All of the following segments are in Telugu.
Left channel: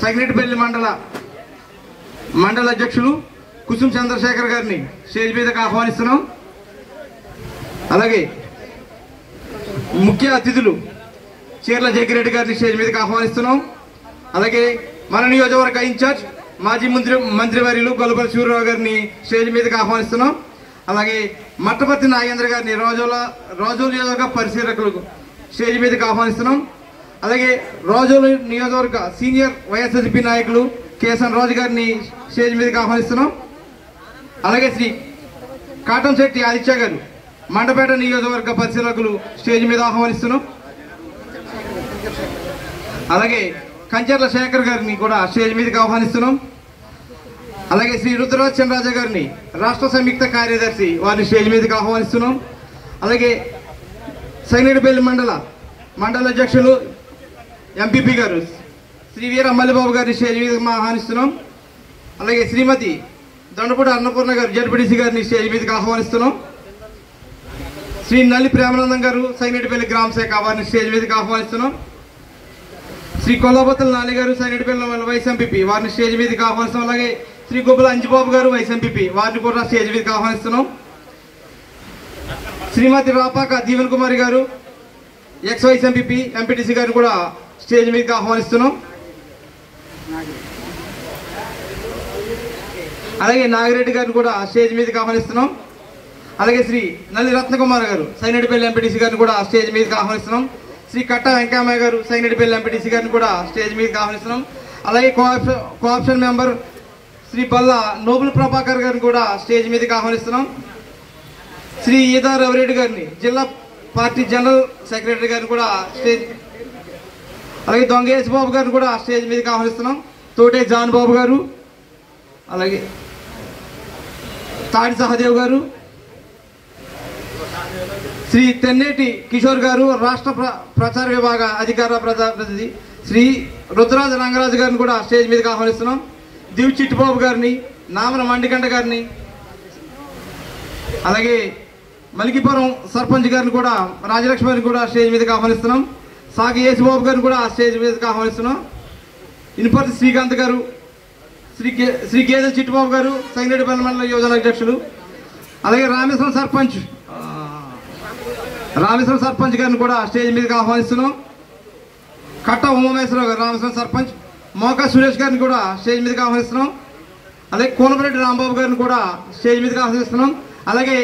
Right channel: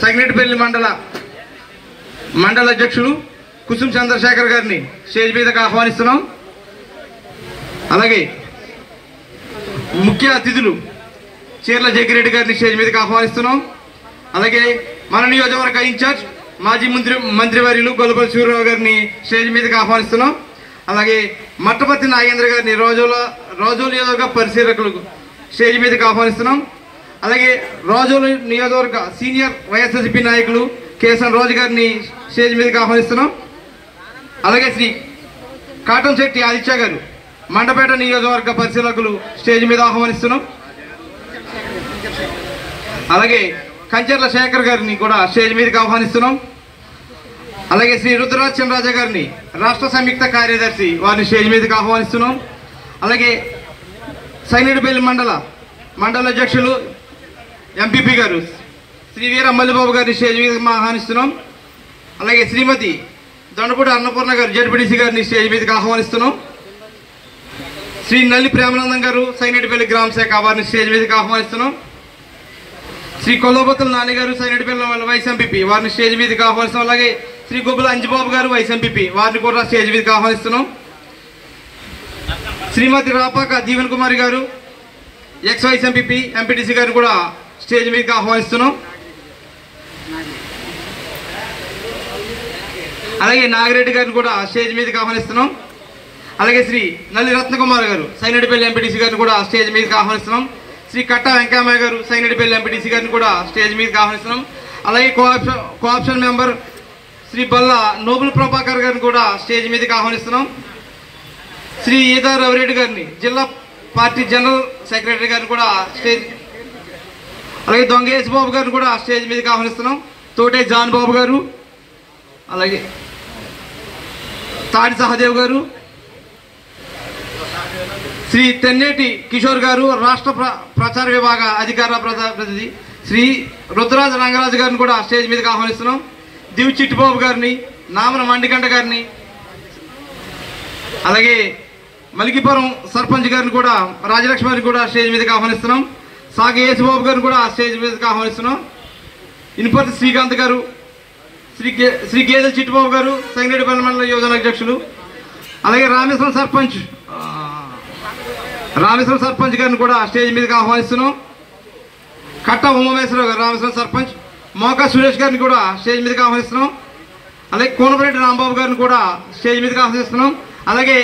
సంగిరెడ్డిపల్లి మండల అధ్యక్షులు కుసుం చంద్రశేఖర్ గారిని స్టేజ్ మీదకి ఆహ్వానిస్తున్నాం. అలాగే ముఖ్య అతిథులు చీర్ల జగ్గిరెడ్డి గారిని స్టేజ్ మీదకి ఆహ్వానిస్తున్నాం. అలాగే మన నియోజకవర్గ ఇన్ఛార్జ్ మాజీ మంత్రివర్యులు గొల్లపల్లి సూర్యరావు గారిని స్టేజ్ మీదకి ఆహ్వానిస్తున్నాం. అలాగే మట్టపర్తి నాగేంద్ర గారిని రోజుల నియోజకవర్గ పరిశీలకులకు స్టేజ్ మీదకి ఆహ్వానిస్తున్నాం. అలాగే రోజుల నియోజకవర్గ సీనియర్ వైఎస్ఆర్సీపీ నాయకులు కేసన్ రాజు గారిని స్టేజ్ మీదకి ఆహ్వానిస్తున్నాం. అలాగే శ్రీ కాటంశెట్టి ఆదిత్య గారు మండపేట నియోజకవర్గ పరిశీలకులు స్టేజ్ మీద ఆహ్వానిస్తున్నాం. అలాగే కంచెర్ల శేఖర్ గారిని కూడా స్టేజ్ మీదకి ఆహ్వానిస్తున్నాం. అలాగే శ్రీ రుద్రరాజ్ చంద్రరాజ గారిని రాష్ట్ర సంయుక్త కార్యదర్శి వారిని స్టేజ్ మీదకి ఆహ్వానిస్తున్నాం. అలాగే సంగిరెడ్డిపల్లి మండల అధ్యక్షులు ఎంపీపీ గారు శ్రీ వీర మల్లిబాబు గారిని స్టేజ్ మీదకి ఆహ్వానిస్తున్నాం. అలాగే శ్రీమతి దొండపూడి అన్నపూర్ణ గారు జడ్పీటీసీ గారిని స్టేజ్ మీదకి ఆహ్వానిస్తున్నాం. శ్రీ నల్లి ప్రేమానందం గారు సంగిరెడ్డిపల్లి గ్రామ శాఖ వారిని స్టేజ్ మీదకి ఆహ్వానిస్తున్నాం. శ్రీ కొల్లబొత్తల నాని గారు సంగిరెడ్డిపల్లి వైస్ ఎంపీపీ వారిని స్టేజ్ మీదకి ఆహ్వానిస్తున్నాం. అలాగే శ్రీ గోపుల అంజిబాబు గారు వైస్ ఎంపీపీ వారిని కూడా స్టేజ్ మీదకి ఆహ్వానిస్తున్నాం. శ్రీమతి రాపాక దీవెన్ కుమారి గారు ఎక్స్ వైస్ ఎంపీపీ ఎంపీటీసీ గారిని కూడా స్టేజ్ మీదకి ఆహ్వానిస్తున్నాం. అలాగే నాగిరెడ్డి గారిని కూడా స్టేజ్ మీదకి ఆహ్వానిస్తున్నాం. అలాగే శ్రీ నల్లి రత్నకుమార్ గారు సంగిరెడ్డిపల్లి ఎంపీటీసీ గారిని కూడా స్టేజ్ మీదకి ఆహ్వానిస్తున్నాం. శ్రీ కట్ట వెంకయ్య గారు సంగిరెడ్డిపల్లి ఎంపీటీసీ గారిని కూడా స్టేజ్ మీదకి ఆహ్వానిస్తున్నాం. అలాగే కోఆప్షన్ మెంబర్ శ్రీ బల్లా నోబుల్ ప్రభాకర్ గారిని కూడా స్టేజ్ మీదకి ఆహ్వానిస్తున్నాం. శ్రీ ఈదా రవిరెడ్డి గారిని జిల్లా పార్టీ జనరల్ సెక్రటరీ గారిని కూడా స్టేజ్, అలాగే దొంగేశ్ బాబు గారిని కూడా స్టేజ్ మీదకి ఆహ్వానిస్తున్నాం. తోటే జాన్ బాబు గారు, అలాగే తాడి సహదేవ్ గారు, శ్రీ తెన్నేటి కిషోర్ గారు రాష్ట్ర ప్రచార విభాగ అధికార ప్రతినిధి శ్రీ రుద్రరాజ రంగరాజు గారిని కూడా స్టేజ్ మీదకి ఆహ్వానిస్తున్నాం. దివ్ చిట్టుబాబు గారిని, నామన మండికంట గారిని, అలాగే మలికిపురం సర్పంచ్ గారిని కూడా రాజలక్ష్మి గారిని కూడా స్టేజ్ మీదకి ఆహ్వానిస్తున్నాం. సాగి యేసుబాబు గారిని కూడా స్టేజ్ మీదకి ఆహ్వానిస్తున్నాం. ఇనుపర్తి శ్రీకాంత్ గారు, శ్రీ గేదెల చిట్టుబాబు గారు సంగిరెడ్డిపల్లి మండల యువజన అధ్యక్షులు, అలాగే రామేశ్వరం సర్పంచ్ గారిని కూడా స్టేజ్ మీదకి ఆహ్వానిస్తున్నాం. కట్ట ఉమామేశ్వరరావు గారు రామేశ్వరం సర్పంచ్, మోకా సురేష్ గారిని కూడా స్టేజ్ మీదకి ఆహ్వానిస్తున్నాం. అలాగే కోనపరెడ్డి రాంబాబు గారిని కూడా స్టేజ్ మీదకి ఆహ్వానిస్తున్నాం. అలాగే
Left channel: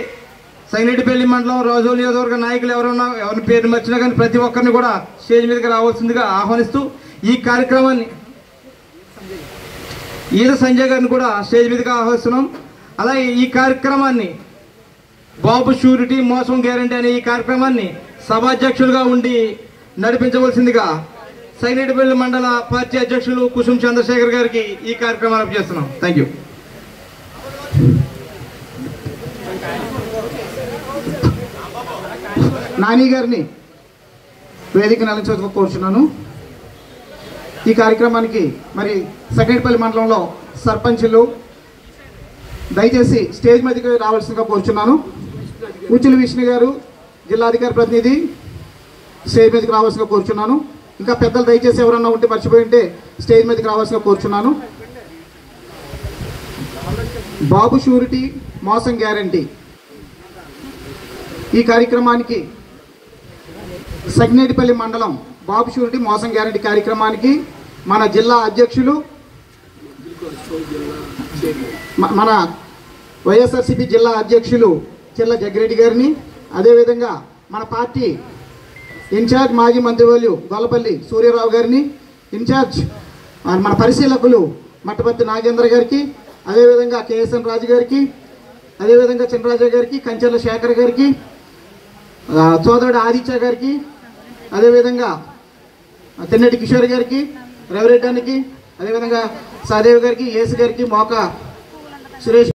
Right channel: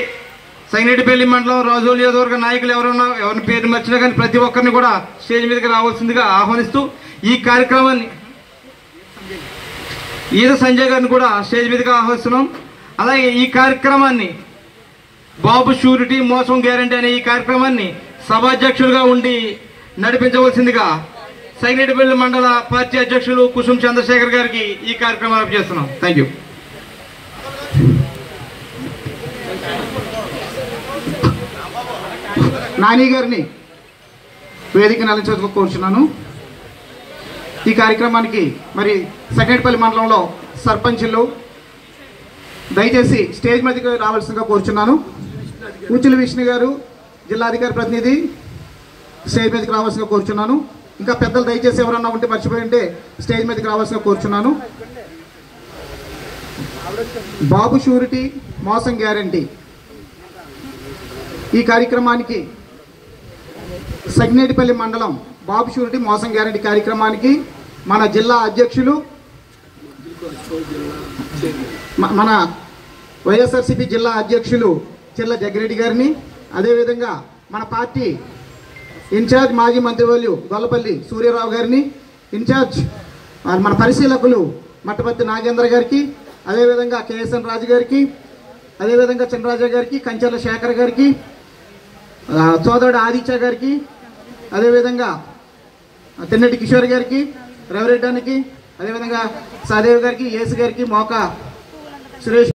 సంగిరెడ్డిపల్లి మండలం రోజుల నియోజకవర్గ నాయకులు ఎవరిని పేరు మర్చినా కానీ ప్రతి ఒక్కరిని కూడా స్టేజ్ మీదకి రావాల్సిందిగా ఆహ్వానిస్తూ ఈ కార్యక్రమాన్ని ఈద సంజయ్ గారిని కూడా స్టేజ్ మీదకి ఆహ్వానిస్తున్నాం. అలాగే ఈ కార్యక్రమాన్ని బాబు షూరిటీ మోసం గ్యారంటీ అనే ఈ కార్యక్రమాన్ని సభాధ్యక్షులుగా ఉండి నడిపించవలసిందిగా సంగిరెడ్డిపల్లి మండల పార్టీ అధ్యక్షులు కుసుం చంద్రశేఖర్ గారికి ఈ కార్యక్రమాన్ని చేస్తున్నాం. Thank you. నాని గారిని వేదిక నిలిచేందుకు కోరుచున్నాను. ఈ కార్యక్రమానికి మరి సంగిరెడ్డిపల్లి మండలంలో సర్పంచులు దయచేసి స్టేజ్ మీదకి రావాల్సిందిగా కోరుచున్నాను. ముచ్చుల విష్ణు గారు జిల్లా అధికార ప్రతినిధి స్టేజ్ మీదకి రావాల్సిందిగా కోరుచున్నాను. ఇంకా పెద్దలు దయచేసి ఎవరన్నా ఉంటే మర్చిపోయి ఉంటే స్టేజ్ మీదకి రావాల్సిందిగా కోరుచున్నాను. బాబు షూరిటీ మోసం గ్యారంటీ ఈ కార్యక్రమానికి సంగిరెడ్డిపల్లి మండలం బాబు షూరిటీ మోసం గ్యారంటీ కార్యక్రమానికి మన జిల్లా అధ్యక్షులు మన వైఎస్ఆర్సీపీ జిల్లా అధ్యక్షులు చీర్ల జగ్గిరెడ్డి గారిని, అదేవిధంగా మన పార్టీ ఇన్ఛార్జ్ మాజీ మంత్రివర్యులు గొల్లపల్లి సూర్యరావు గారిని, ఇన్ఛార్జ్ మన పరిశీలకులు మట్టపర్తి నాగేంద్ర గారికి, అదేవిధంగా కేఎస్ఎన్ రాజు గారికి, అదేవిధంగా చినరాజా గారికి, కంచెర్ల శేఖర్ గారికి, సోదరుడు ఆదిత్య గారికి, అదేవిధంగా తెన్నటి కిషోర్ గారికి, రవిరెడ్డానికి, అదేవిధంగా సహదేవ్ గారికి, యేసు గారికి, మోకా సురేష్